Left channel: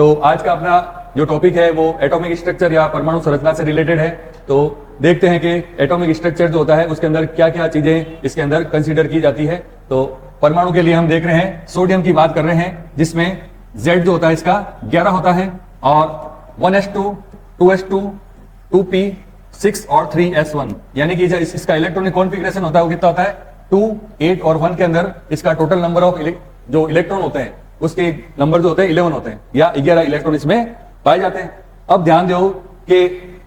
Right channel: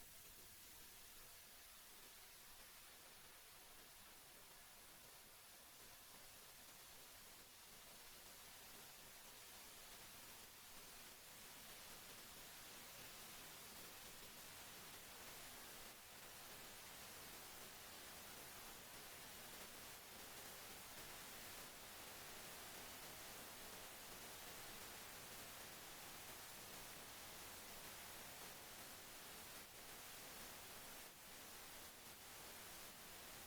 तो आज का अपना जो टॉपिक है वो एटॉमिक स्ट्रक्चर या परमाणु संरचना से रिलेटेड है। तो देखते हैं कि एटॉमिक स्ट्रक्चर जो होता है उसके अंदर क्या क्या चीजें इसके अंदर कंसीडर की जाती है। तो परमाणु के लिए हम देख रहे हैं, सोडियम की बात कर रहे हैं, जिसमें Z जो होता है इसका 11 होता है और 1s2, 2s2, 2p, 6 और 3s1, यानी कि इसका इलेक्ट्रॉनिक कॉन्फ़िगरेशन होता है वो कितना होता है 2, 8 और 1 के अंदर इसका टोटल नंबर ऑफ जो इलेक्ट्रॉन होते हैं उसके नंबर जो होते हैं 11 होते हैं या 11 इलेक्ट्रॉन इसमें पाए जाते हैं। अब ध्यान दो कि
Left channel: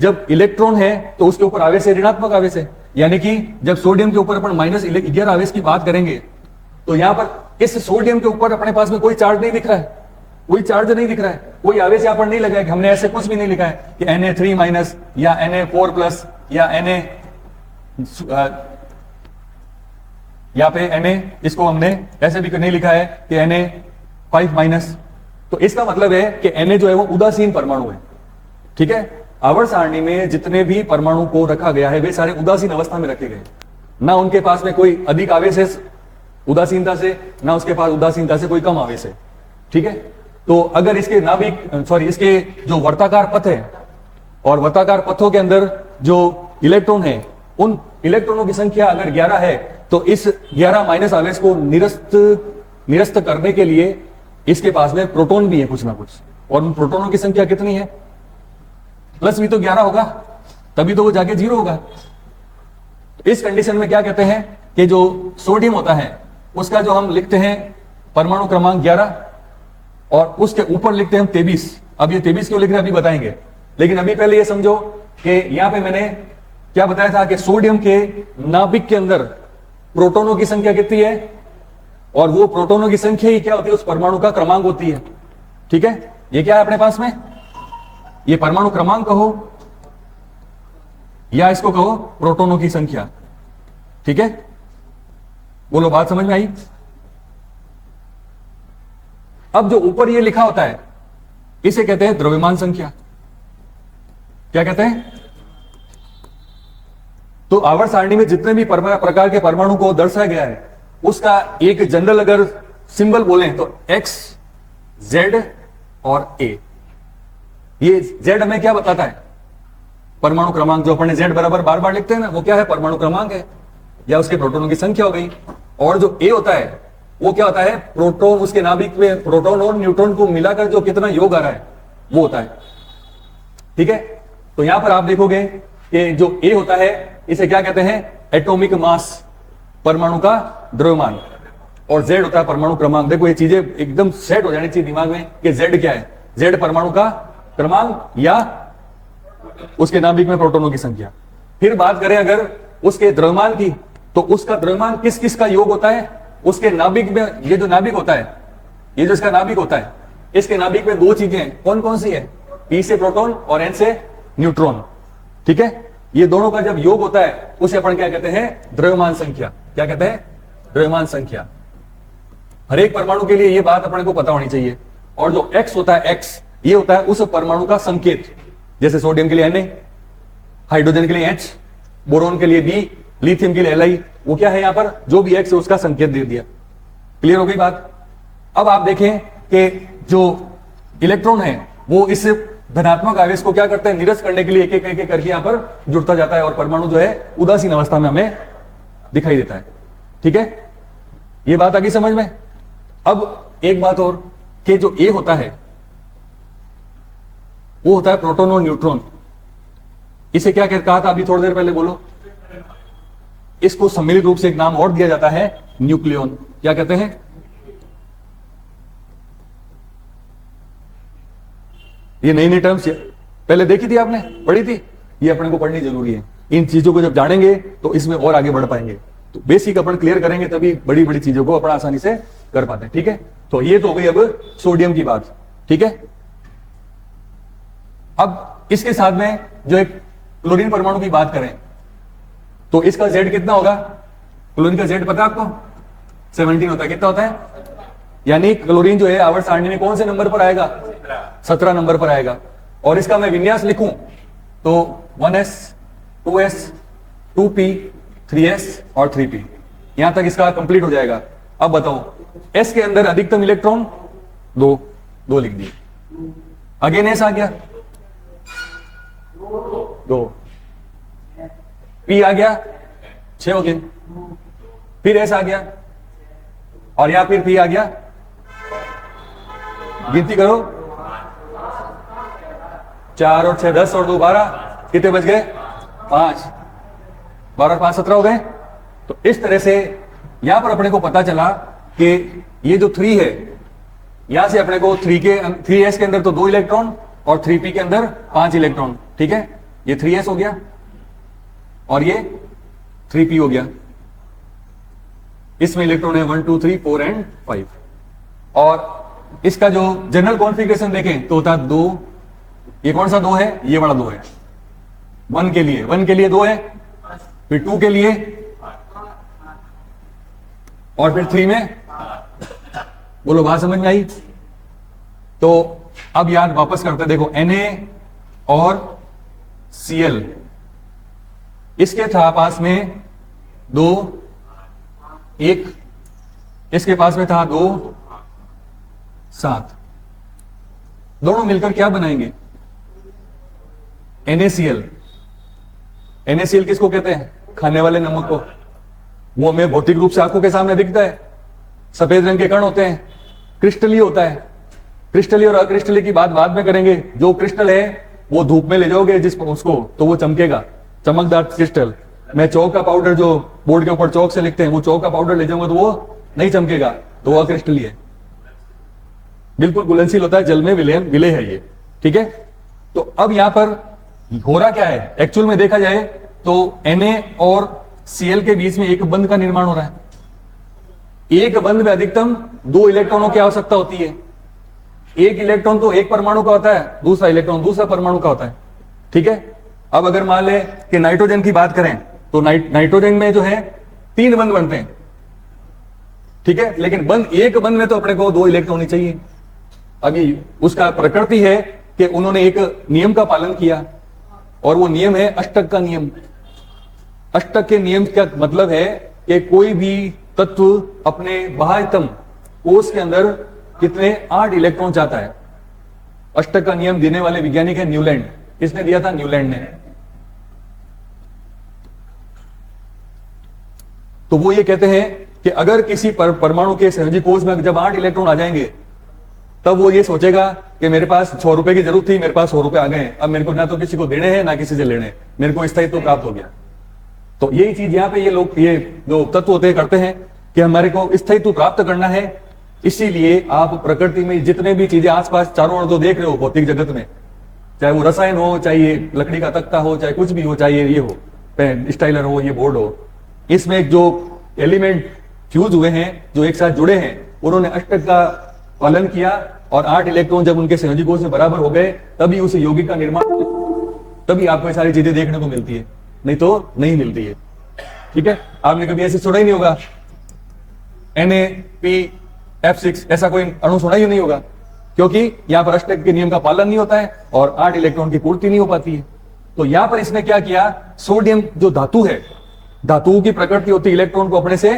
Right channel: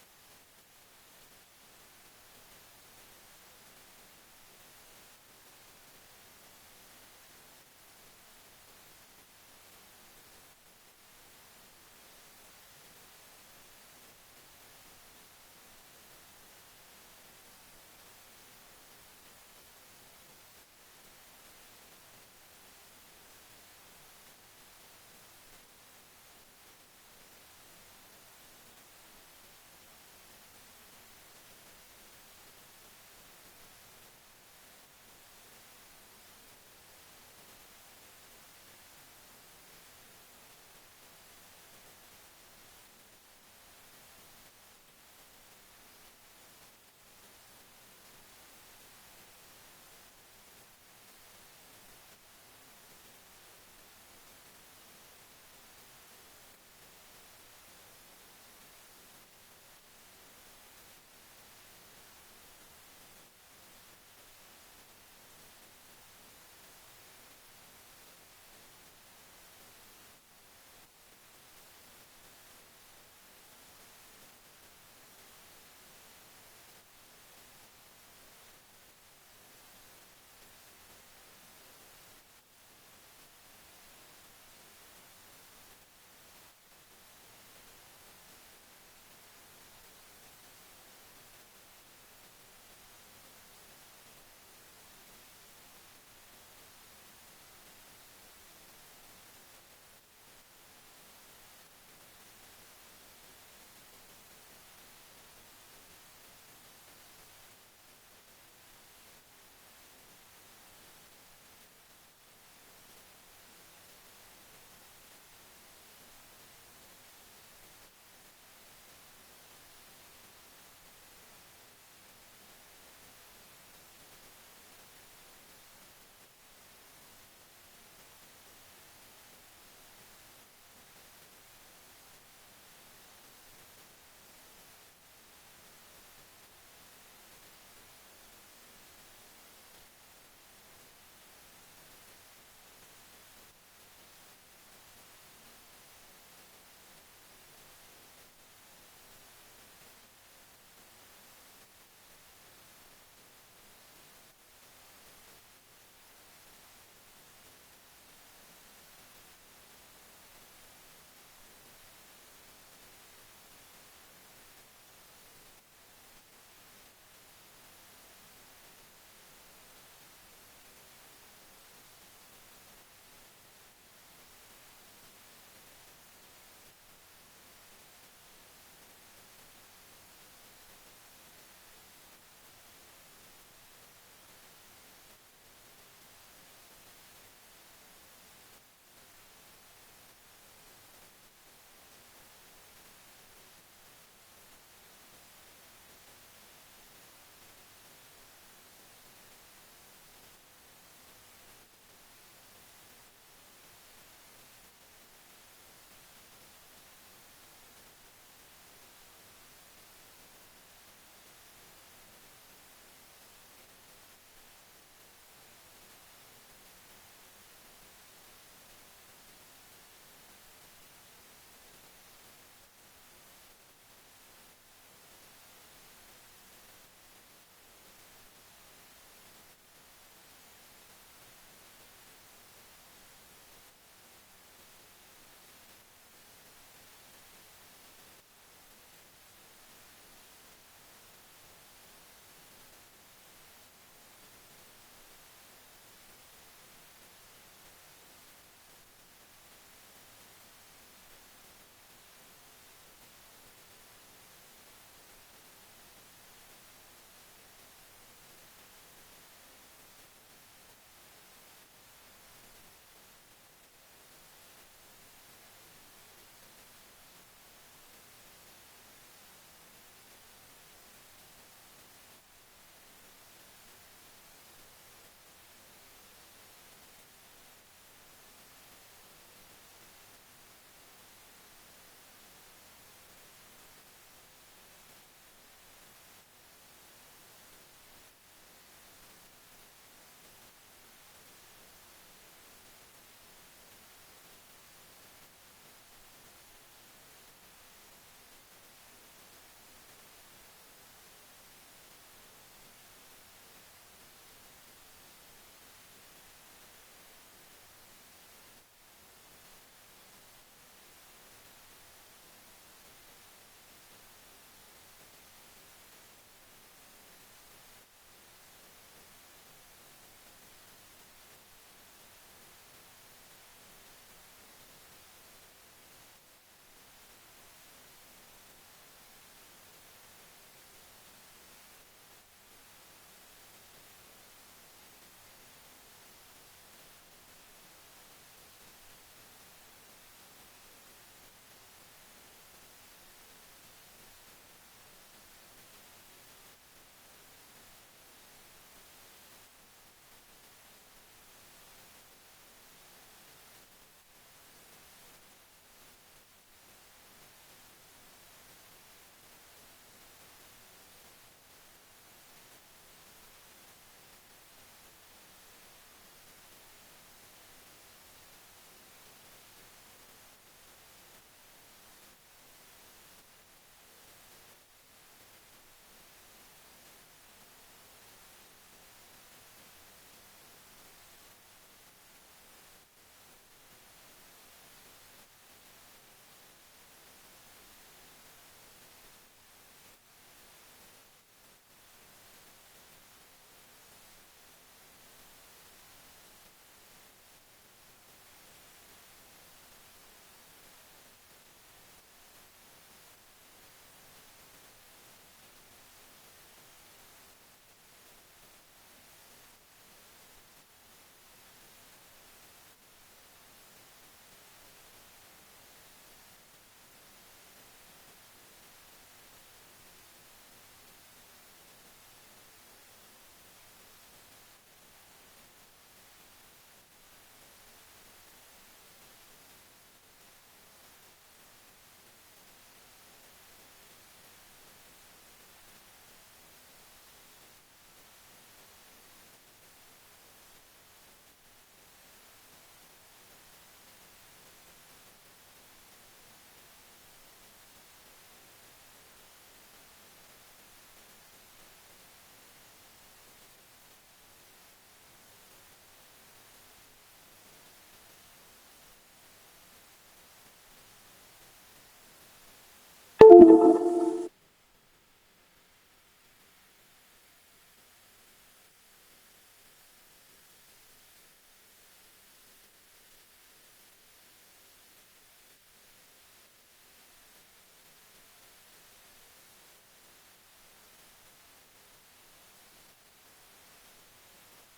जब इलेक्ट्रॉन है तो उसके ऊपर आवेश है, ऋणात्मक आवेश है, यानी कि जब सोडियम के ऊपर अपन -11 आवेश की बात करेंगे तो यहां पर इस सोडियम के ऊपर अपने पास में कोई चार्ज नहीं दिख रहा है, कोई चार्ज नहीं दिख रहा है, कोई आवेश यहां पर नहीं लगा है। हमने ऐसे कुछ भी नहीं लिखा है कि Na3- या Na4+ या Na यहाँ पे Na इसको हमने ऐसे भी नहीं लिखा है कि Na5-। तो इसका मतलब है कि Na जो है वो उदासीन परमाणु है। ठीक है, आवर्त सारणी में जितने भी परमाणु को रखा गया है वे सारे उदासीन अवस्था में रखे गए, ना उनके पास में कोई अधिक आवेश है उदासीनता से, ना उसके पास उदासीनता से कोई कम आवेश है। ठीक है, तो अगर इसके इसके जो वर्ताकार पथ है और वर्ताकार पथों के अंदर जो इलेक्ट्रॉन है उन इलेक्ट्रॉनों की संख्या अगर 11 है तो इस 11 माइनस आवेश को निरस्त करने के लिए इसके पास में प्रोटॉन भी है कुछ ना कुछ, और उन प्रोटॉनों की संख्या कितनी है, प्लस भी तो 11 होगा, तभी तो वो जाके 0 होगा। तो इस कंडीशन में क्या कहते हैं कि जो सोडियम होता है उसका जो हम लिखते हैं परमाणु क्रमांक 11 और उसके ऊपर लिखते हैं हम 23। अब ये 23 क्यों लिख रहे हैं अभी बताएंगे, लेकिन अभी पहले ये समझो कि यहां पे मैंने क्या बताया था कि सोडियम के नाभिक के अंदर प्रोटॉनों की संख्या कितनी है, और वो प्रोटॉनों की संख्या ही क्या होती है उस परमाणु का क्रमांक होती है। ठीक है, ये क्या है अपने पास में, ये परमाणु क्रमांक कहो या इसको कहो प्रोटॉनों की संख्या। ठीक है, बोलो बात समझ में आई। अब जो ऊपर ये लिखा होता है इसे कहते हैं द्रव्यमान संख्या। क्या कहते हैं, तो आवर्त सारणी में जितने भी प्रकार के परमाणु को दर्शाया गया है उसका एक जनरल अगर सिंबल बोले तो X, Z और A। ये Z हमें क्या बताता है, परमाणु क्रमांक, जो अपन Z बराबर बार बार लिखते हैं ना, वो क्या है, परमाणु क्रमांक है या उसके प्रोटॉनों की संख्या हो गई। और जो A होता है वो क्या होता है, प्रोटॉन, उसके नाभिक में प्रोटॉन और न्यूट्रॉन को मिलाकर जो कितना योग आ रहा है वो होता है। ठीक है, तो यहां पर आप देखोगे कि जो A होता है इसे क्या कहते हैं, एटॉमिक मास, परमाणु का द्रव्यमान, और Z होता है परमाणु क्रमांक। देखो ये चीजें एकदम सेट हो जानी चाहिए दिमाग में कि Z क्या है, Z परमाणु का क्रमांक या उसके नाभिक में प्रोटॉनों की संख्या। फिर बात करें अगर उसके द्रव्यमान की, तो उसका द्रव्यमान किस किस का योग होता है, उसके नाभिक में, ये जो नाभिक होता है, ये जो इसका नाभिक होता है, इसके नाभिक में दो चीजें कौन कौन सी है, P से प्रोटॉन और N से न्यूट्रॉन। ठीक है, ये दोनों का जब योग होता है उसे अपन क्या कहते हैं, द्रव्यमान संख्या। क्या कहते हैं, द्रव्यमान संख्या। हर एक परमाणु के लिए ये बात अपने को पता होनी चाहिए। और जो X होता है, X ये होता है उस परमाणु का संकेत, जैसे सोडियम के लिए Na, हाइड्रोजन के लिए H, बोरोन के लिए B, लिथियम के लिए Li, वो क्या है यहां पर जो भी X है उसका संकेत दे दिया। क्लियर हो गई बात। अब आप देखें कि जो इलेक्ट्रॉन है वो इस धनात्मक आवेश को क्या करते हैं, निरस्त करने के लिए एक एक करके यहां पर जुड़ता जाता है और परमाणु जो है उदासीन अवस्था में हमें दिखाई देता है। ठीक है, ये बात आ गई समझ में। अब एक बात और कि जो A होता है वो होता है प्रोटॉन और न्यूट्रॉन। इसे क्या कहा था अभी थोड़ी देर पहले, बोलो। इसको सम्मिलित रूप से एक नाम और दिया जाता है, न्यूक्लियॉन। क्या कहते हैं, ये नई नई टर्म्स पहले देखी थी आपने, पढ़ी थी, ये अपने को पढ़नी जरूरी है। इन चीजों को जब जानेंगे तो इसमें और आगे बढ़ पाएंगे। तो बेसिक अपन क्लियर करेंगे तभी बड़ी बड़ी चीजों को अपन आसानी से कर पाते हैं। ठीक है, तो ये तो हो गई अब सोडियम की बात। ठीक है, अब इसके साथ में जो एक क्लोरीन परमाणु की बात करें तो इसका Z कितना होगा, क्लोरीन का Z पता है आपको, 17 होता है। कितना होता है, यानी क्लोरीन जो है आवर्त सारणी में कौन से नंबर पर आएगा, 17 नंबर पर आएगा। और इसका मैं विन्यास लिखूं तो 1s, 2s, 2p, 3s और 3p, यहां तक इसका कंप्लीट हो जाएगा। अब बताओ S के अंदर अधिकतम इलेक्ट्रॉन दो लिख दिए। अगेन एस आ गया, 2, पी आ गया, 6 हो गए, फिर एस आ गया, और यहां फिर पी आ गया, गिनती करो, 4 और 6 10 और 2 12, कितने बच गए? 5, 12 और 5 17 हो गए। तो इस तरह से यहां पर अपने को पता चला कि ये जो 3 है, यहां से अपने को 3s के अंदर तो 2 इलेक्ट्रॉन और 3p के अंदर 5 इलेक्ट्रॉन, ठीक है, ये 3s हो गया और ये 3p हो गया। इसमें इलेक्ट्रॉन है 1 2 3 4 एंड 5, और इसका जो जनरल कॉन्फ़िगरेशन देखें तो होता है 2, ये कौन सा 2 है? ये वाला 2 है। 1 के लिए 2 है, फिर 2 के लिए, और फिर 3 में, बोलो बात समझ में आई? तो अब याद वापस करते, देखो Na और Cl, इसके था पास में 2 1, इसके पास में था 2 7, दोनों मिलकर क्या बनाएंगे? NaCl। NaCl किसको कहते हैं? खाने वाले नमक को। वो हमें भौतिक रूप से आंखों के सामने दिखता है, सफेद रंग के कण होते हैं, क्रिस्टली होता है। क्रिस्टली और अक्रिस्टली की बात बाद में करेंगे। जो क्रिस्टल है वो धूप में ले जाओगे उसको, तो वो चमकेगा, चमकदार क्रिस्टल। मैं चौक का पाउडर, जो बोर्ड के ऊपर चौक से लिखते हैं, वो चौक का पाउडर ले जाऊंगा तो वो नहीं चमकेगा, तो वो अक्रिस्टली है, बिल्कुल घुलनशील होता है, जल में विलय है ये, ठीक है। तो अब यहां पर हो रहा क्या है? एक्चुअल में देखा जाए तो Na और Cl के बीच में एक बंध का निर्माण हो रहा है। एक बंध में अधिकतम 2 इलेक्ट्रॉनों की आवश्यकता होती है। एक इलेक्ट्रॉन तो एक परमाणु का होता है, दूसरा इलेक्ट्रॉन दूसरा परमाणु का होता है, ठीक है। अब अगर मान ले कि नाइट्रोजन की बात करें तो नाइट्रोजन में जो है 3 बंध बनते हैं, ठीक है, लेकिन एक बंध में तो अपने को 2 इलेक्ट्रॉन ही चाहिए। अभी उसका प्रकृति है कि उन्होंने एक नियम का पालन किया, और वो नियम है अष्टक का नियम। अष्टक के नियम का मतलब है कि कोई भी तत्व अपने बाह्यतम कोश के अंदर कितने 8 इलेक्ट्रॉन चाहता है। अष्टक का नियम देने वाले वैज्ञानिक है न्यूलैंड। किसने दिया था? न्यूलैंड ने। तो वो ये कहते हैं कि अगर किसी परमाणु के संयोजी कोश में जब 8 इलेक्ट्रॉन आ जाएंगे, तब वो ये सोचेगा कि मेरे पास 6 रुपए की जरूरत थी, मेरे पास 100 रुपए आ गए, अब मेरे को ना तो किसी को देने हैं ना किसी से लेने, मेरे को स्थायित्व प्राप्त हो गया। तो यही चीज यहाँ पे ये लोग, ये जो तत्व होते हैं, करते हैं कि हमारे को स्थायित्व प्राप्त करना है। इसीलिए आप प्रकृति में जितने भी चीजें आसपास चारों ओर जो देख रहे हो भौतिक जगत में, चाहे वो रसायन हो, चाहे ये लकड़ी का तख्ता हो, चाहे कुछ भी हो, चाहे ये हो स्टाइलर हो, ये बोर्ड हो, इसमें जो एलिमेंट फ्यूज हुए हैं, जो एक साथ जुड़े हैं, उन्होंने अष्टक का पालन किया, और 8 इलेक्ट्रॉन जब उनके संयोजी कोश में बराबर हो गए, तभी उस यौगिक का निर्माण, तभी आपको ये सारी चीजें देखने को मिलती है, नहीं तो नहीं मिलती है, ठीक है। आपने कभी ऐसे सुना ही नहीं होगा NaPF6, ऐसा कोई अणु सुना ही नहीं होगा, क्योंकि यहां पर अष्टक के नियम का पालन नहीं होता है और 8 इलेक्ट्रॉन की पूर्ति नहीं हो पाती है। तो यहां पर इसने क्या किया, सोडियम जो धातु है, धातुओं की प्रकृति होती है इलेक्ट्रॉन को अपने से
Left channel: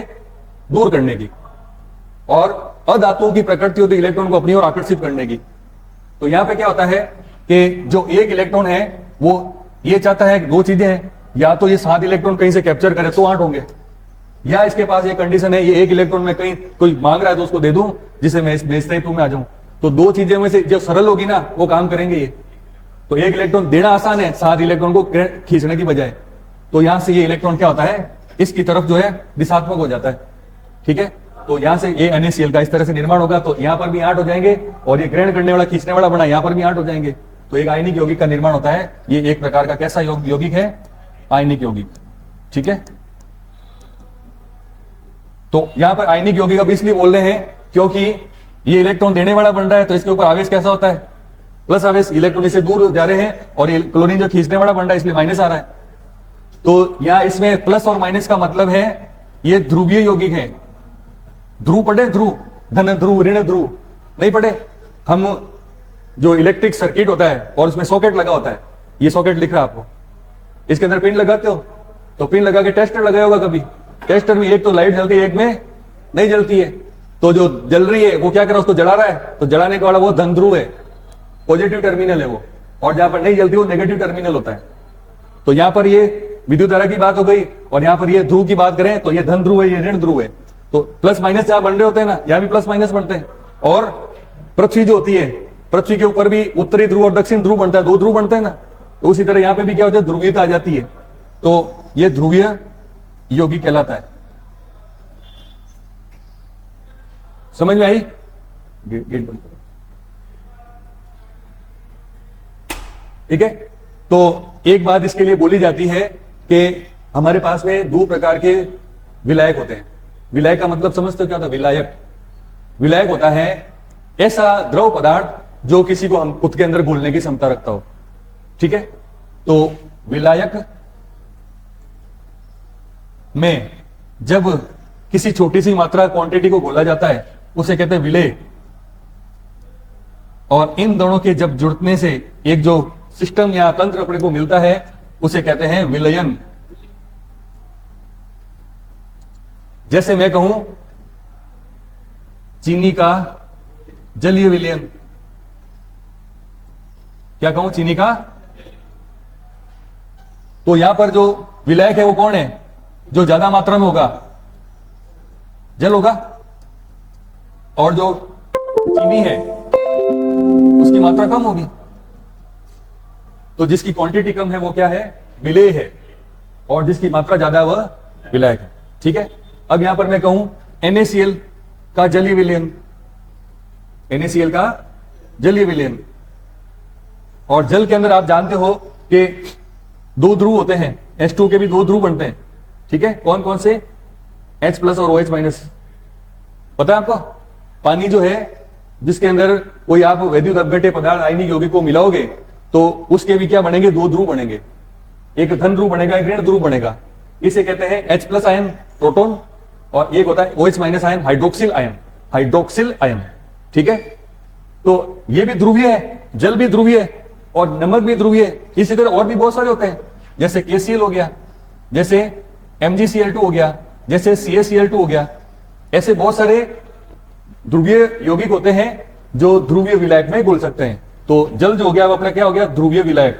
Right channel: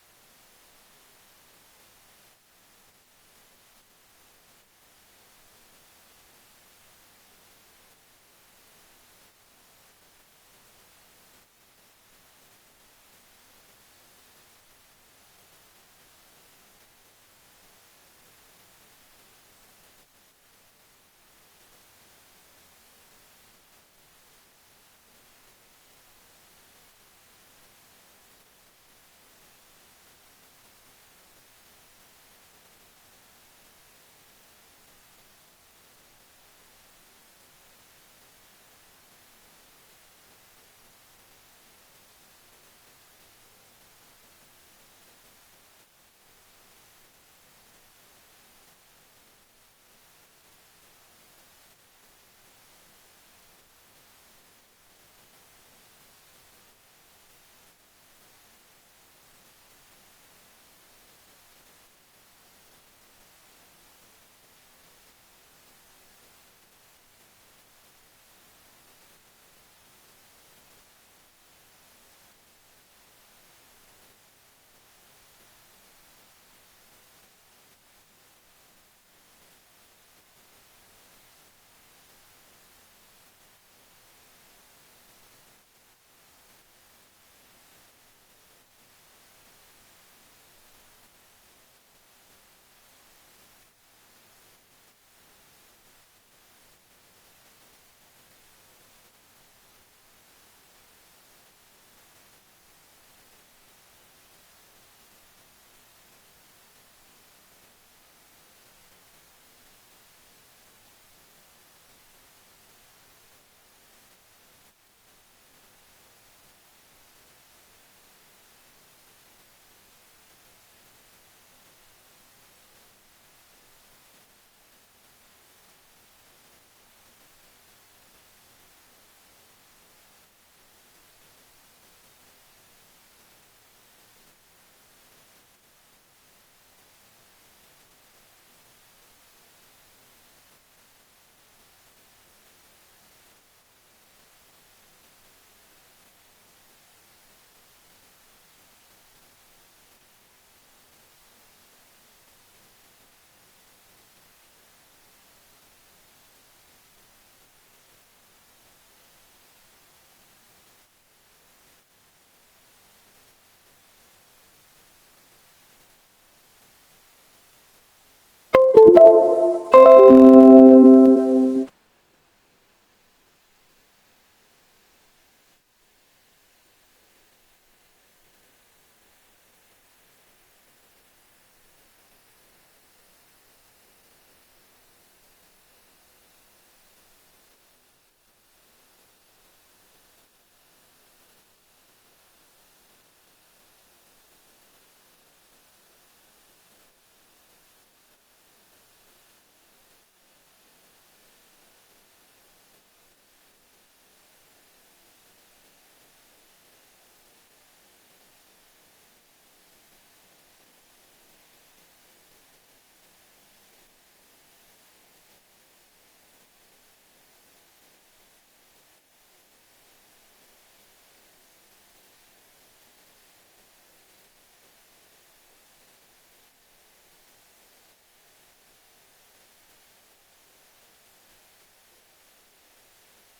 दूर करने की, और अधातुओं की प्रकृति होती है इलेक्ट्रॉन को अपनी ओर आकर्षित करने की। तो यहां पे क्या होता है कि जो एक इलेक्ट्रॉन है वो ये चाहता है, 2 चीजें हैं, या तो ये 7 इलेक्ट्रॉन कहीं से कैप्चर करे तो 8 होंगे, या इसके पास ये कंडीशन है ये 1 इलेक्ट्रॉन में कहीं कोई मांग रहा है तो उसको दे दूं जिसे मैं स्थायित्व में आ जाऊं। तो 2 चीजें में से जो सरल होगी ना वो काम करेंगे ये। तो 1 इलेक्ट्रॉन देना आसान है 7 इलेक्ट्रॉन को खींचने की बजाय। तो यहां से ये इलेक्ट्रॉन क्या होता है, इसकी तरफ जो है दिशात्मक हो जाता है, ठीक है। तो यहां से ये NaCl का इस तरह से निर्माण होगा, तो यहां पर भी 8 हो जाएंगे, और ये ग्रहण करने वाला खींचने वाला बना, यहां पर भी 8 हो जाएंगे। तो एक आयनिक यौगिक का निर्माण होता है। ये एक प्रकार का कैसा यौगिक है? आयनिक यौगिक, ठीक है। तो यहां पर आयनिक यौगिक अब इसलिए बोल रहे हैं क्योंकि ये इलेक्ट्रॉन देने वाला बन रहा है, तो इसके ऊपर आवेश कैसा होता है? प्लस आवेश। इलेक्ट्रॉन इससे दूर जा रहे हैं, और ये क्लोरीन जो खींचने वाला बन रहा है इसलिए माइनस आ रहा है। तो यहां इसमें प्लस और माइनस का मतलब है ये ध्रुवीय यौगिक है। ध्रुव पढ़े? ध्रुव, धन ध्रुव, ऋण ध्रुव नहीं पढ़े? हम जो इलेक्ट्रिक सर्किट होता है और उसमें सॉकेट लगा होता है, ये सॉकेट लिख रहा है आपको, इसके अंदर पिन लगाते हो, तो पिन लगा के टेस्टर लगाया होगा कभी। टेस्टर में एक तो लाइट जलती है, एक में नहीं जलती है। तो जो जल रही है वो क्या कर रहा है, उसको जला रहा है, तो जलाने वाला वो धन ध्रुव है, पॉजिटिव टर्मिनल है वो, और जहां पर नहीं जलती वो नेगेटिव टर्मिनल होता है। तो यहां पर ये विद्युत धारा की बात हो गई, और यहां पर ये ध्रुव की बात करें तो ये धन ध्रुव है, ये ऋण ध्रुव है। तो प्लस माइनस जहां बन रहे होते हैं ना, यहां भी प्लस माइनस बनते हैं। और पृथ्वी जो होती है, पृथ्वी के ऊपर भी उत्तरी ध्रुव और दक्षिण ध्रुव बनता है, दो ध्रुव बनते हैं ना, तो उसी तरह यहां पे भी क्या होता है, ध्रुवीयता आ जाती है। तो ये ध्रुवीय यौगिक कहलाता है। समझ में आई? गेट बंद करो। ठीक है, तो एक बात इसके लिए बोली जाती है कि हमारे पास में दो प्रकार के विलायक होते हैं। विलायक का मतलब समझते हो क्या होता है? विलायक, विलायक होता है ऐसा द्रव पदार्थ जो किसी को हम खुद के अंदर घोलने की क्षमता रखता हो। ठीक है, तो विलायक में जब किसी छोटी सी मात्रा क्वांटिटी को घोला जाता है उसे कहते हैं विलेय। और इन दोनों के जब जुड़ने से एक जो सिस्टम या तंत्र अपने को मिलता है उसे कहते हैं विलयन। जैसे मैं कहूं चीनी का जलीय विलयन, क्या कहूं? चीनी का। तो यहां पर जो विलायक है वो कौन है? जो ज्यादा मात्रा में होगा जल होगा, और जो चीनी है उसकी मात्रा कम होगी। तो जिसकी क्वांटिटी कम है वो क्या है? विलेय है, और जिसकी मात्रा ज्यादा है वह विलायक है। ठीक है, अब यहां पर मैं कहूं NaCl का जलीय विलयन, NaCl का जलीय विलयन। और जल के अंदर आप जानते हो कि दो ध्रुव होते हैं, H2 के भी दो ध्रुव बनते हैं। ठीक है, कौन कौन से? H प्लस और OH माइनस। पता है आपको? पानी जो है जिसके अंदर कोई आप वैद्युत अपघट्य पदार्थ आयनिक यौगिक को मिलाओगे तो उसके भी क्या बनेंगे? दो ध्रुव बनेंगे, एक धन ध्रुव बनेगा, एक ऋण ध्रुव बनेगा। इसे कहते हैं H प्लस आयन प्रोटॉन, और एक होता है OH minus ion hydroxyl ion, hydroxyl ion. ठीक है, तो ये भी ध्रुवीय है, जल भी ध्रुवीय है और नमक भी ध्रुवीय है। इसी तरह और भी बहुत सारे होते हैं, जैसे KCl हो गया, जैसे MgCl2 हो गया, जैसे CaCl2 हो गया। ऐसे बहुत सारे ध्रुवीय यौगिक होते हैं जो ध्रुवीय विलायक में घुल सकते हैं। तो जल जो हो गया वो अपना क्या हो गया? ध्रुवीय विलायक।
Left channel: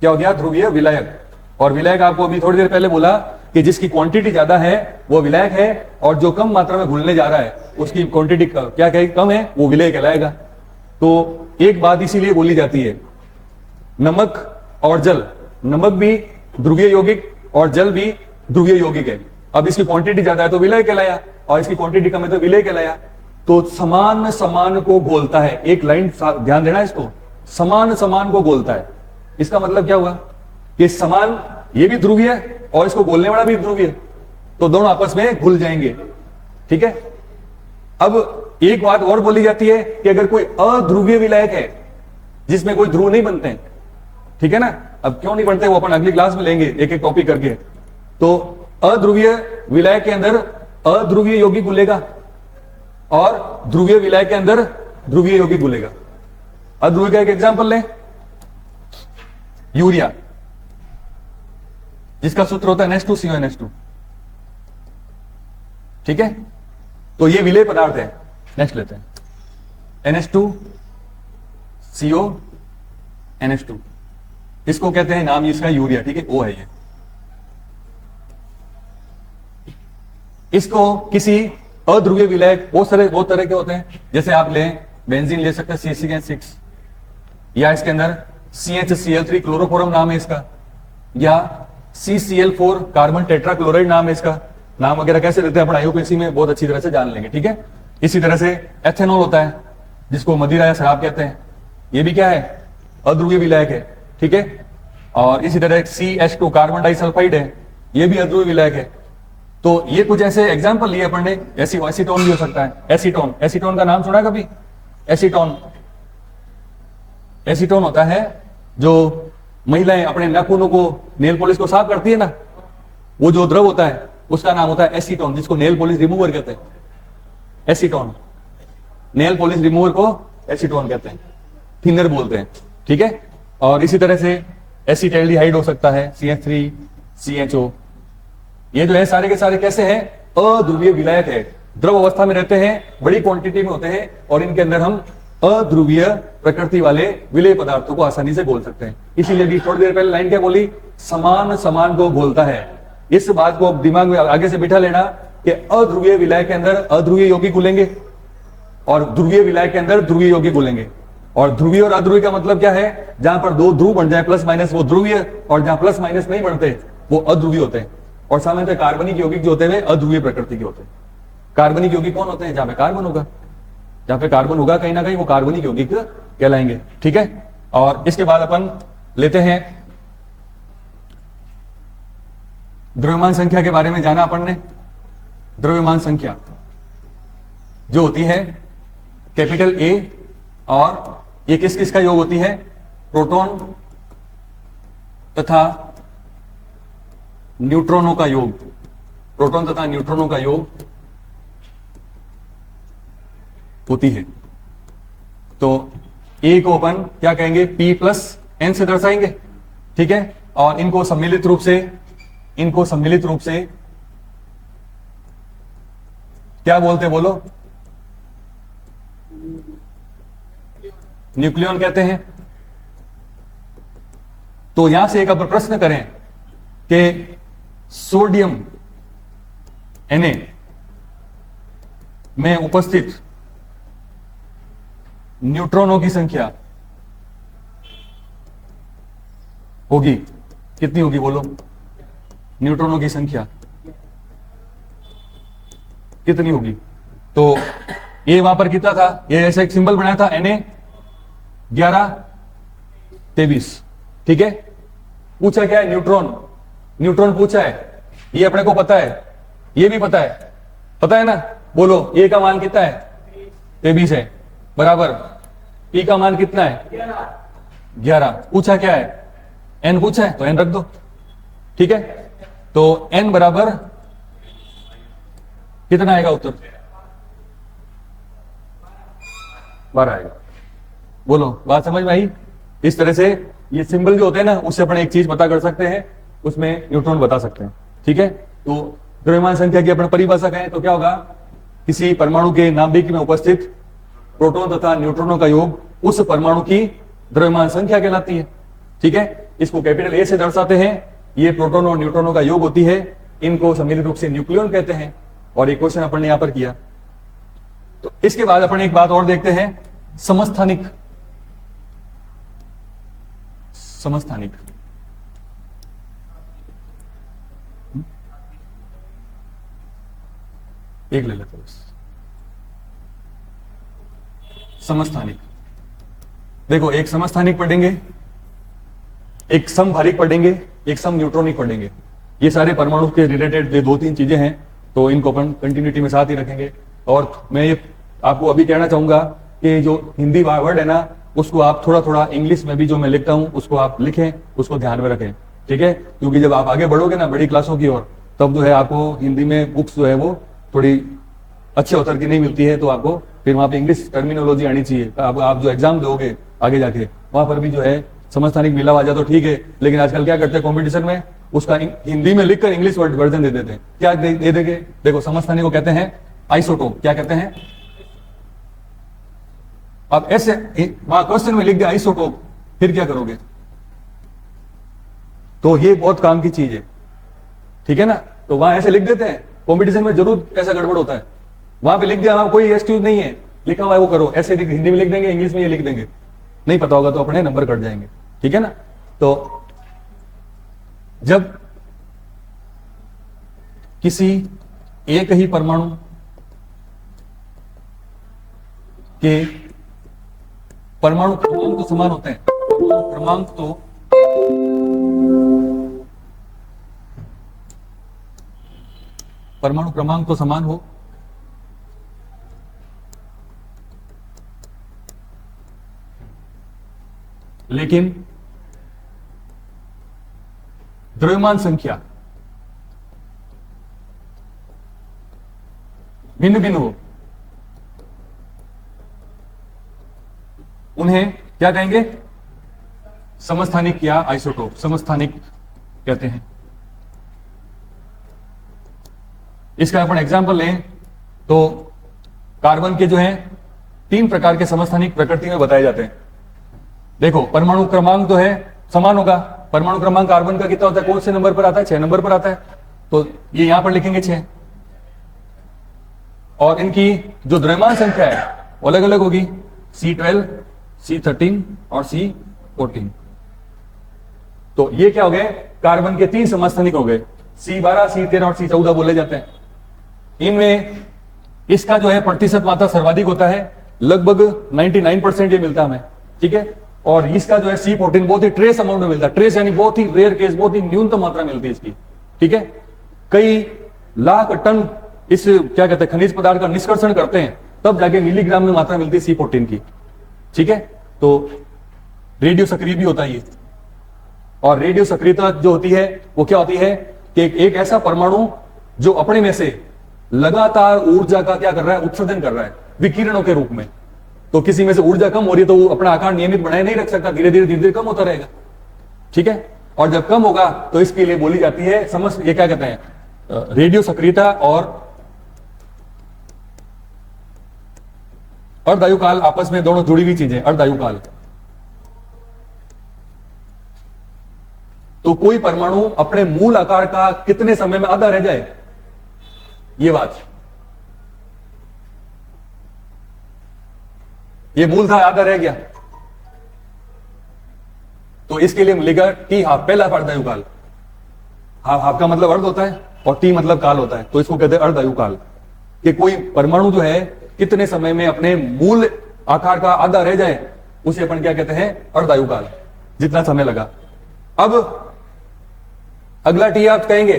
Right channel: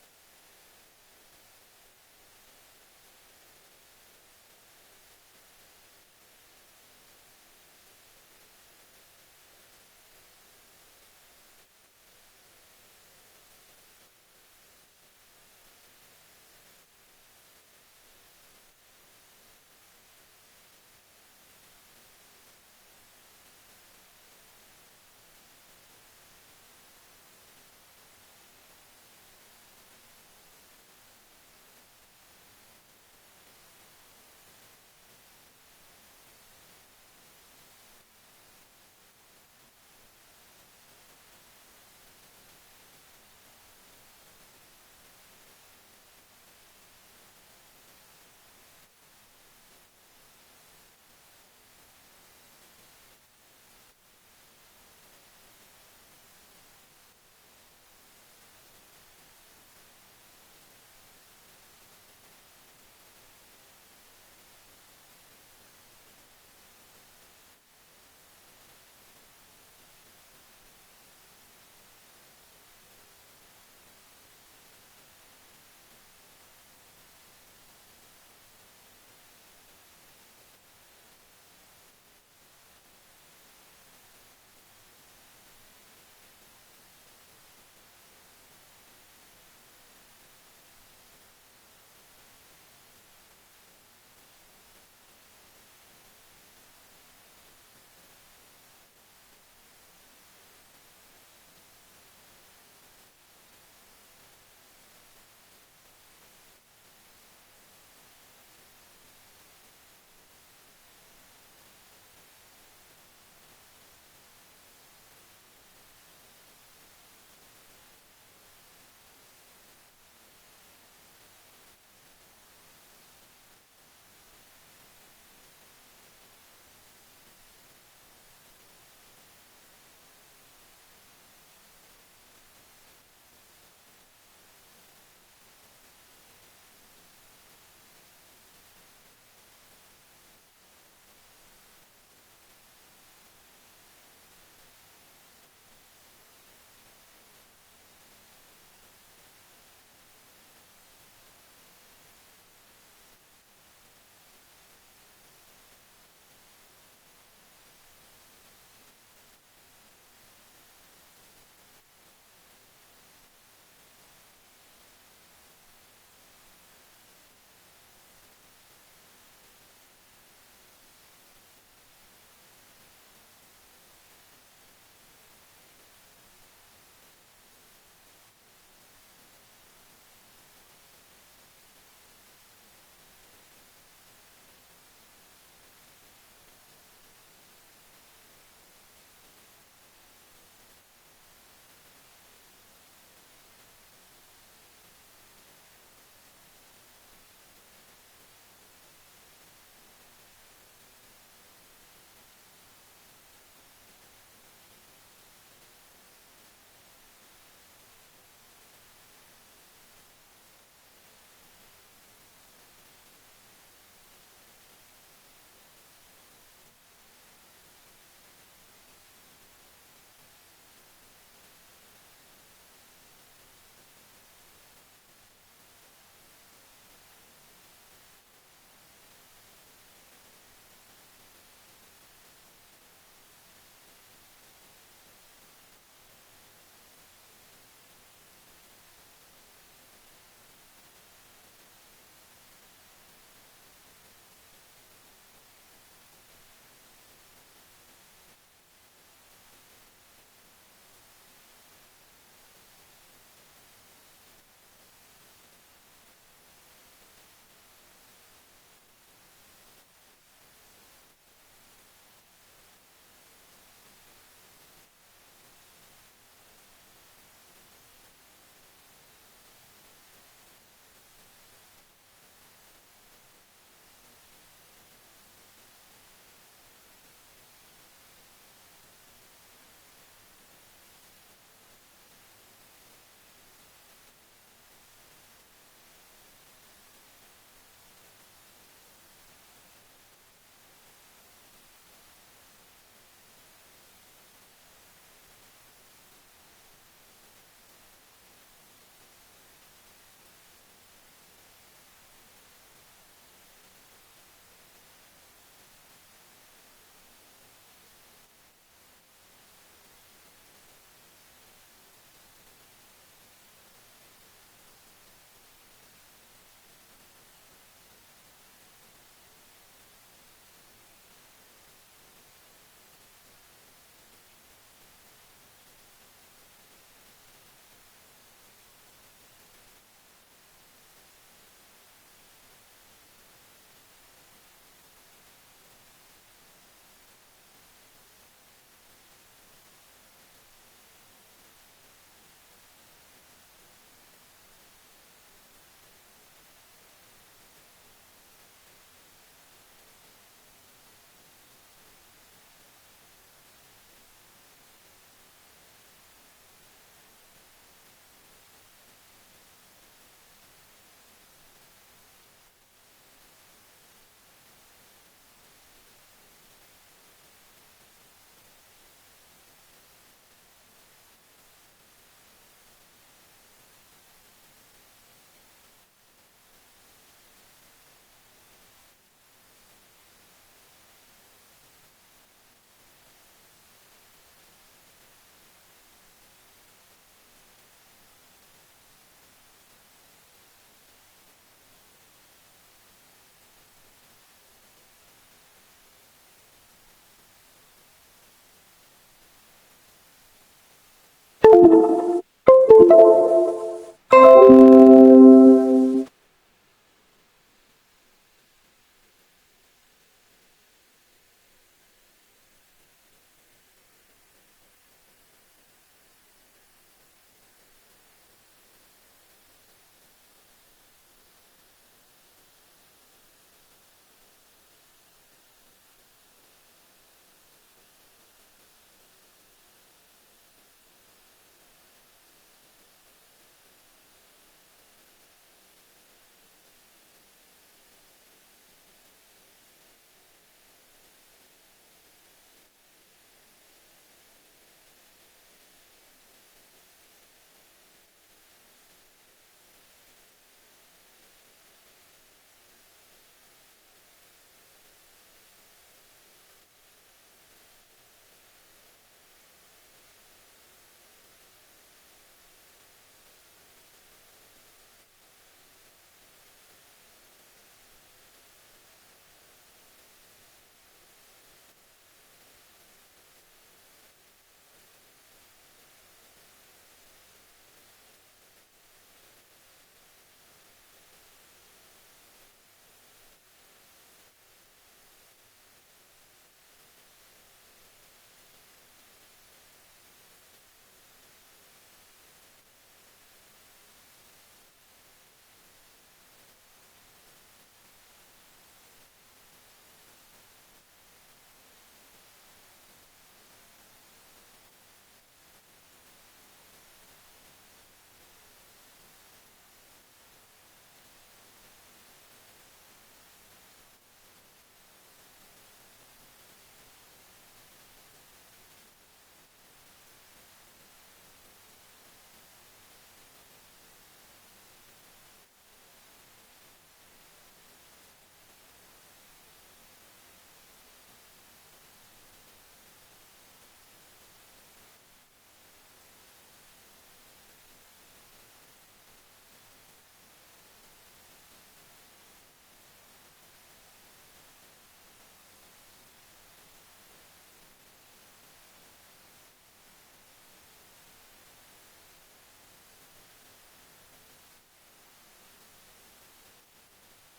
क्या हो गया? ध्रुवीय विलायक। और विलायक आपको अभी थोड़ी देर पहले बोला कि जिसकी क्वांटिटी ज्यादा है वो विलायक है, और जो कम मात्रा में घुलने जा रहा है उसकी क्वांटिटी क्या कम है, वो विलेय कहलाएगा। तो एक बात इसीलिए बोली जाती है, नमक और जल, नमक भी ध्रुवीय यौगिक और जल भी ध्रुवीय यौगिक है। अब इसकी क्वांटिटी ज्यादा है तो विलय कहलाया, और इसकी क्वांटिटी कम है तो विलय कहलाया। तो समान समान को घोलता है, एक लाइन ध्यान देना इसको, समान समान को घोलता है। इसका मतलब क्या हुआ कि समान ये भी ध्रुवीय है और इसको घोलने वाला भी ध्रुवीय है, तो दोनों आपस में घुल जाएंगे। ठीक है, अब एक बात और बोली जाती है कि अगर कोई अध्रुवीय विलायक है जिसमें कोई ध्रुव नहीं बनते, ठीक है ना, अब क्यों नहीं बनते वो अपन अगली क्लास में लेंगे एक एक टॉपिक करके। तो अध्रुवीय विलायक के अंदर अध्रुवीय यौगिक घुलेगा और ध्रुवीय विलायक के अंदर ध्रुवीय यौगिक घुलेगा। अध्रुवीय का एक एग्जांपल लें, यूरिया, जिसका सूत्र होता है NH2CONH2। ठीक है, तो ये विलेय पदार्थ है। नेक्स्ट लेते हैं, NH2CONH2, इसको कहते हैं, नाम इसका यूरिया। ठीक है, O है ये। इसको किसी अध्रुवीय विलायक, बहुत तरह के होते हैं, जैसे आप लें बेंजीन ले सकते हैं CH6, या इसके अंदर CHCl3 क्लोरोफॉर्म नाम है इसका, या CCl4 कार्बन टेट्राक्लोराइड नाम है इसका। नाम वगैरह कैसे देते हैं अपन आईयूपीएससी में बहुत अच्छी तरह से जान लेंगे। ठीक है, इसी तरह से एथेनॉल होता है जिसको मदिरा या शराब कहते हैं, ये भी क्या है? अध्रुवीय विलायक है। ठीक है, और इसी तरह CH2 कार्बन डाइसल्फाइड है, ये भी अध्रुवीय विलायक है। तो ये कुछ ऐसे एग्जाम्पल लिए अपन ने। एसीटोन भी हो सकता है, एसीटोन, एसीटोन का नाम सुना है कभी? एसीटोन, एसीटोन होता है जो महिलाएं अपने नाखूनों को, नेल पॉलिश को साफ करती है ना, वो जो द्रव होता है उसका नाम होता है एसीटोन, जिसको नेल पॉलिश रिमूवर कहते हैं। एसीटोन, नेल पॉलिश रिमूवर को एसीटोन कहते हैं, थिनर बोलते हैं। ठीक है, और इसी तरह से एसिटाल्डिहाइड हो सकता है, CH3CHO। ये जो है सारे के सारे कैसे हैं? अध्रुवीय विलायक है, द्रव अवस्था में रहते हैं, बड़ी क्वांटिटी में होते हैं, और इनके अंदर हम अध्रुवीय प्रकृति वाले विलेय पदार्थों को आसानी से घोल सकते हैं। इसीलिए अभी थोड़ी देर पहले लाइन क्या बोली, समान समान को घोलता है। इस बात को दिमाग में आगे से बिठा लेना कि अध्रुवीय विलायक के अंदर अध्रुवीय यौगिक घुलेंगे और ध्रुवीय विलायक के अंदर ध्रुवीय यौगिक घुलेंगे। और ध्रुवीय और अध्रुवीय का मतलब क्या है, जहां पर दो ध्रुव बन जाए प्लस माइनस वो ध्रुवीय, और जहां प्लस माइनस नहीं बनते वो अध्रुवीय होते हैं। और सामान्यतः कार्बनिक यौगिक जो होते हैं अध्रुवीय प्रकृति के होते हैं। कार्बनिक यौगिक कौन होते हैं, जहां पे कार्बन होगा, जहां पे कार्बन होगा कहीं ना कहीं वो कार्बनिक यौगिक कहलाएंगे। ठीक है, और इसके बाद अपन लेते हैं द्रव्यमान संख्या के बारे में जाना अपन ने। द्रव्यमान संख्या जो होती है कैपिटल ए, और ये किस किस का योग होती है, प्रोटॉन तथा न्यूट्रॉनों का योग, प्रोटॉन तथा न्यूट्रॉनों का योग होती है। तो ए को अपन क्या कहेंगे, P प्लस एन से दर्शाएंगे। ठीक है, और इनको सम्मिलित रूप से क्या बोलते हैं, बोलो, न्यूक्लियॉन कहते हैं। तो यहां से एक अपन प्रश्न करें कि सोडियम Na में उपस्थित न्यूट्रॉनों की संख्या होगी, कितनी होगी बोलो, न्यूट्रॉनों की संख्या कितनी होगी। तो ये वहां पर कितना था, ये ऐसा एक सिंबल बनाया था Na 11 23। ठीक है, पूछा क्या है, न्यूट्रॉन, न्यूट्रॉन पूछा है, ये अपने को पता है, ये भी पता है ना, बोलो ये का मान कितना है, 23 है, बराबर P का मान कितना है, 11। पूछा क्या है, N पूछा है, तो N रख दो। ठीक है, तो N बराबर कितना आएगा उत्तर, 12 आएगा। बोलो, बात समझ में आई। इस तरह से ये सिंबल जो होते हैं ना, उससे अपन एक चीज पता कर सकते हैं, उसमें न्यूट्रॉन बता सकते हैं। ठीक है, तो द्रव्यमान संख्या की अपन परिभाषा कहें तो क्या होगा, किसी परमाणु के नाभिक में उपस्थित प्रोटॉन तथा न्यूट्रॉनों का योग उस परमाणु की द्रव्यमान संख्या कहलाती है। ठीक है, इसको कैपिटल ए से दर्शाते हैं। ये प्रोटॉन और न्यूट्रॉनों का योग होती है, इनको सम्मिलित रूप से न्यूक्लियॉन कहते हैं। और एक क्वेश्चन अपन ने यहां पर किया। तो इसके बाद अपन एक बात और देखते हैं, समस्थानिक। समस्थानिक एक ले लेते बस। समस्थानिक, देखो, एक समस्थानिक पढ़ेंगे, एक समभारिक पढ़ेंगे, एक सम न्यूट्रॉनिक पढ़ेंगे। ये सारे परमाणु के रिलेटेड दो तीन चीजें हैं, तो इनको अपन कंटिन्यूटी में साथ ही रखेंगे। और मैं ये आपको अभी कहना चाहूंगा कि जो हिंदी वर्ड है ना, उसको आप थोड़ा थोड़ा इंग्लिश में भी जो मैं लिखता हूं उसको आप लिखें, उसको ध्यान में रखें। ठीक है, क्योंकि जब आप आगे बढ़ोगे ना बड़ी क्लासों की ओर, तब जो है आपको हिंदी में बुक्स जो है वो थोड़ी अच्छे उत्तर की नहीं मिलती है, तो आपको फिर वहां पे इंग्लिश टर्मिनोलॉजी आनी चाहिए। आप जो एग्जाम दोगे आगे जाके, वहां पर भी जो है समस्थानिक मिला आ जाए तो ठीक है, लेकिन आजकल क्या करते हैं कॉम्पिटिशन में, उसका हिंदी में लिखकर इंग्लिश वर्जन दे देते हैं। क्या दे देंगे, देखो, समस्थानिक को कहते हैं आइसोटोप। क्या कहते हैं, अब ऐसे वहां क्वेश्चन में लिख दिया आइसोटोप, फिर क्या करोगे, तो ये बहुत काम की चीज है। ठीक है ना, तो वहां ऐसे लिख देते हैं, कंपटीशन में जरूर ऐसा गड़बड़ होता है। वहां पे लिख दिया, वहां कोई एक्सक्यूज नहीं है, लिखा हुआ है वो करो, ऐसे हिंदी में लिख देंगे, इंग्लिश में ये लिख देंगे, नहीं पता होगा तो अपने नंबर कट जाएंगे। ठीक है ना, तो जब किसी एक ही परमाणु के परमाणु क्रमांक तो समान होते हैं, परमाणु क्रमांक तो समान हो, लेकिन द्रव्यमान संख्या भिन्न भिन्न हो, उन्हें क्या कहेंगे, समस्थानिक या आइसोटोप समस्थानिक कहते हैं। इसका अपन एग्जांपल लें तो कार्बन के जो है 3 प्रकार के समस्थानिक प्रकृति में बताए जाते हैं। देखो, परमाणु क्रमांक तो है समान होगा। परमाणु क्रमांक कार्बन का कितना होता है, कौन से नंबर पर आता है, 6 नंबर पर आता है, तो ये यहां पर लिखेंगे 6। और इनकी जो द्रव्यमान संख्या है वो अलग अलग होगी, C12, C13 और C14। तो ये क्या हो गए, कार्बन के 3 समस्थानिक हो गए, C12, C13 और C14 बोले जाते हैं। इनमें इसका जो है प्रतिशत मात्रा सर्वाधिक होता है, लगभग 99% ये मिलता है हमें, ठीक है। और इसका जो है C14 बहुत ही ट्रेस अमाउंट में मिलता है, ट्रेस यानी बहुत ही रेयर केस, बहुत ही न्यूनतम मात्रा मिलती है इसकी, ठीक है। कई लाख टन इस क्या कहते हैं खनिज पदार्थ का निष्कर्षण करते हैं, तब जाके मिलीग्राम में मात्रा मिलती है C14 की, ठीक है। तो रेडियो सक्रिय भी होता है ये। और रेडियो सक्रियता जो होती है वो क्या होती है कि एक ऐसा परमाणु जो अपने में से लगातार ऊर्जा का क्या कर रहा है, उत्सर्जन कर रहा है विकिरणों के रूप में। तो किसी में से ऊर्जा कम हो रही है तो वो अपना आकार नियमित बनाए नहीं रख सकता, धीरे धीरे कम होता रहेगा, ठीक है। और जब कम होगा तो इसके लिए बोली जाती है ये क्या कहते हैं, रेडियो सक्रियता और अर्धायुकाल, आपस में दोनों जुड़ी हुई चीजें, अर्धायुकाल। तो कोई परमाणु अपने मूल आकार का कितने समय में आधा रह जाए, ये बात, ये मूल था आधा रह गया, तो इसके लिए मिलेगा T12, पहला अर्धायुकाल। हाफ का मतलब अर्ध होता है और T मतलब काल होता है, तो इसको कहते हैं अर्धायुकाल। कि कोई परमाणु जो है कितने समय में अपने मूल आकार का आधा रह जाए, उसे अपन क्या कहते हैं, अर्धायुकाल, जितना समय लगा। अब अगला T आप कहेंगे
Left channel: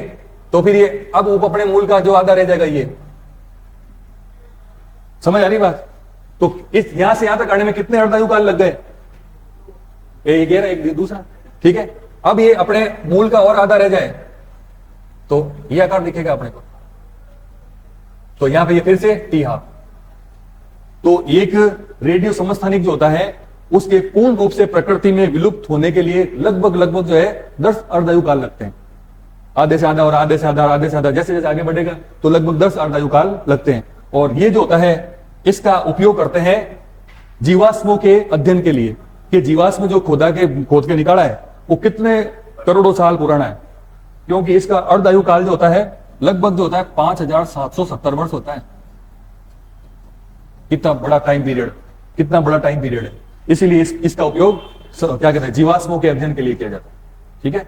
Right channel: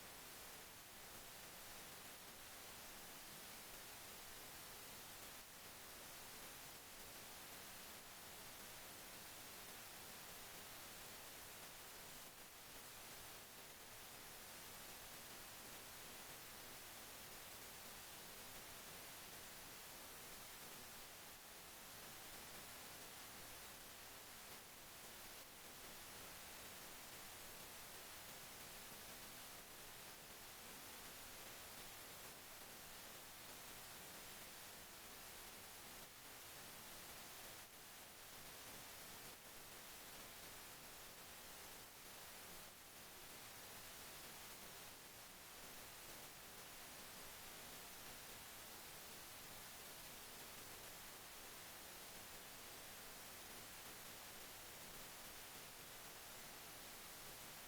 तो फिर ये अब अपने मूल का जो आधा रह जाएगा, ये समझ आ रही बात। तो इस यहां से यहां तक आने में कितने अर्धायुकाल लग गए, एक ये एक दूसरा, ठीक है। अब ये अपने मूल का और आधा रह जाए तो ये आकार दिखेगा अपने को, तो यहां पे ये फिर से T12। तो एक रेडियो समस्थानिक जो होता है उसके पूर्ण रूप से प्रकृति में विलुप्त होने के लिए लगभग जो है 10 अर्धायुकाल लगते हैं। आधे से आधा और आधे से आधा और आधे से आधा, जैसे जैसे आगे बढ़ेगा तो लगभग 10 अर्धायुकाल लगते हैं। और ये जो होता है इसका उपयोग करते हैं जीवाश्मों के अध्ययन के लिए, कि जीवाश्म जो खोद के निकाला है वो कितने करोड़ों साल पुराना है, क्योंकि इसका अर्धायुकाल जो होता है लगभग जो होता है 5770 वर्ष होता है। कितना बड़ा टाइम पीरियड है, इसीलिए इसका उपयोग क्या कहते हैं जीवाश्मों के अध्ययन के लिए किया जाता है, ठीक है।